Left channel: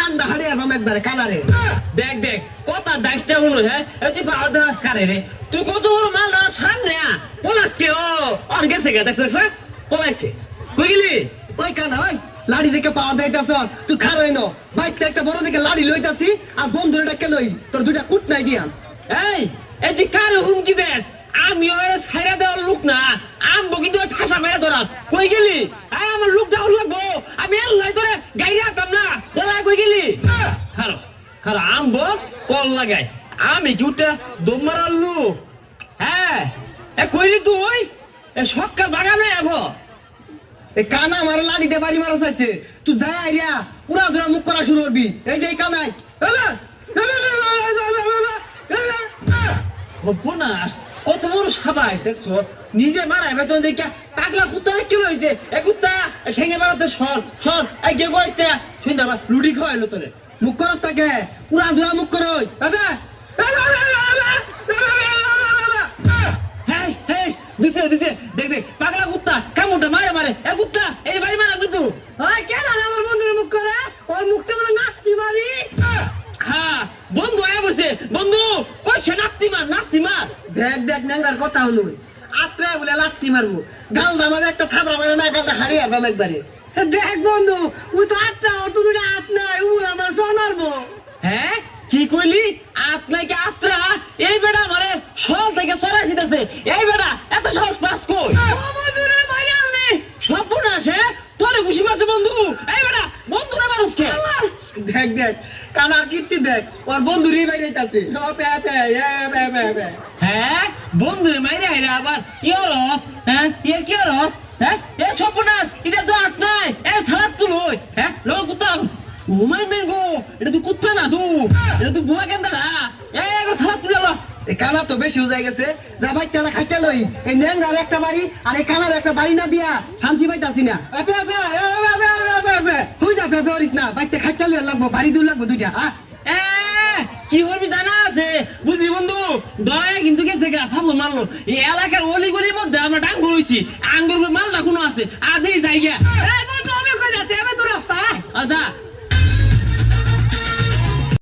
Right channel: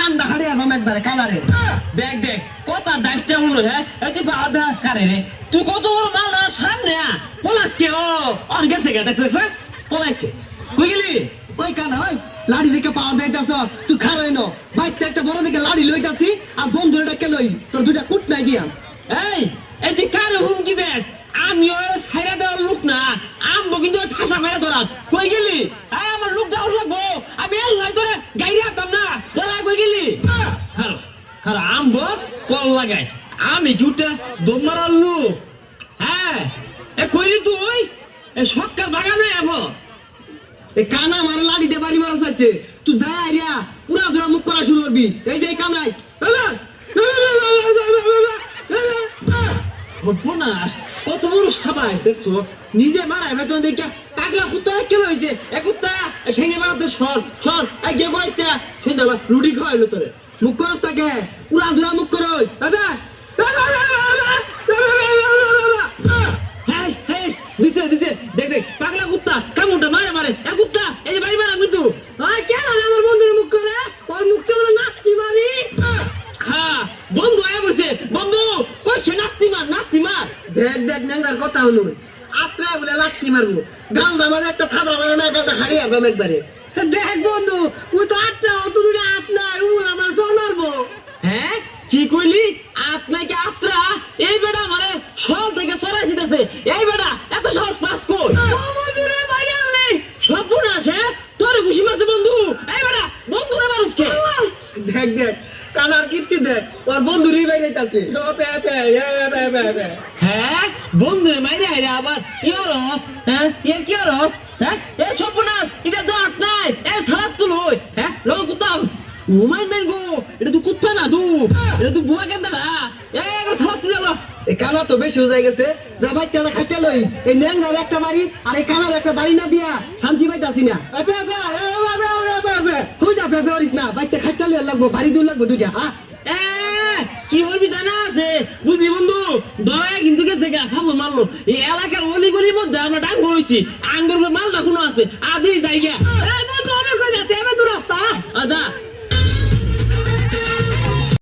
কাম দেখালে এখন একবারে কালারে দেখ দেখ কত দাসটা হলো হ্যাঁ তুই আদাস করে রে তুই কত বড় মাল আর সামনে পলাশ কে ও আর গেছে গা দেখছিস পলাইছে কই গেলি ওই কানা ওই লাড়ি দেখে পাওয়ার দিতেছ তুই খারই ন বাইতে একটা বড় দেখে লাড়ি লইতাছি আর বন্ধুরে ডাকে লই তোর দুইটা কুট নাই দিয়া এই এই যে কাল হুমকি দেস আমি ওর ছাইরা দেওয়ার লোক না আমবো কিন্তু ঠাসা মেরে ধরা কই গেলি আমার লোক দাও লাগবো আমি আল্লাহ তোরে গাইরা রাখতাম না বলা কই গেলি হ্যালো হ্যালো আমবো কল লাগাই আমি কি উঠে দম মারার লোক হ্যাঁ এ কইলি তুই এ সক্কা বাগানে আবো এই কানা আমার লাড়ি দিয়ে বাড়ি মারা চাইছে তুই যাই আইয়া পুরা ধরা মুখ করা শুরু করবি এই যে এই কানাই কত বড় সাবাস দেখছো নিজে মারাই বেতন দেখে পাগলা কুত্তা কেন হয়েছে এক কুত্তা ঠেঙে মারাতে সর সর এক গে বসতে শুনতে রুটি খাওয়াইলো তোরে মুখ করস তাকে পুরা ধরা মুখ করো দিছে দিছে দেখ দেখ পাগলা কুত্তা কামুটা মারে মারে এক কুত্তা এই বাড়ি মারা কিন্তু কেন আমার বন্ধুর মুখ করে ওর মুখটা বলে নাচতি মারি হ্যাঁ বন্ধু আয় বলছে বন্ধু কইছে নাতি মার দেখ দেখ ন্যাংরার কথা হলো আত্রে বলে লাত্তি মারবো গাল দামার একটা থাবড়া মারো না গালটা হারিয়ে আসবাম একবারে দেখ বন্ধু ওই তো আটটা ও তো দুটো আট নাই ও আমার সোনারবো হ্যাঁ কি কইলি আত নাকি আত্রা এই বেটা মানে সল থেকে সরাই দিতেছে এই বেটা এত সাহস পাস কই বন্ধুরে ভাইরাল নেই সব না আসে তোরে খুশি মারছে বন্ধু এই বেটা বন্ধু না মানুষকে দেখ দেখ কানার কীর্তি দেখ ওর বন্ধুরই বাইরেইতাছে হ্যাঁ বন্ধু মাইরে আইরা আবার ইয়রস হ্যাঁ এর কি রস হ্যাঁ এ সর্বনাশ এটা তো আট নাই এ সালাদ তুল হ্যাঁ লোক কুত্তা উমাই বেঙ্গো এটা তো কুত্তা না তু এটা তো বুয়া কেন না এ সালাদ তুলে লো এই কানা তো বেশি হয়ে গেছে যা ভাই টানা খাইতে লই এই ন্যাংরার একটা বাড়ি আর এই কানার একটা বাড়ি না দিয়া শান্তি পাইতাছি না তুই যা ভেবে পারিস না বাইতে খাইতে লই লাগবো বাড়ি দিয়ে লাগবো দুইটা হ্যাঁ কি বলবি জানা আছে বুঝলি বন্ধু দয়া কিন্তু গেছে গা ফাবুল মারলো এই এলাকার অলি গলির মধ্যে আমরা ডাঙ্গুর হইছি আঙ্গুর মাল রাখুনো আছে আধেই জায়গা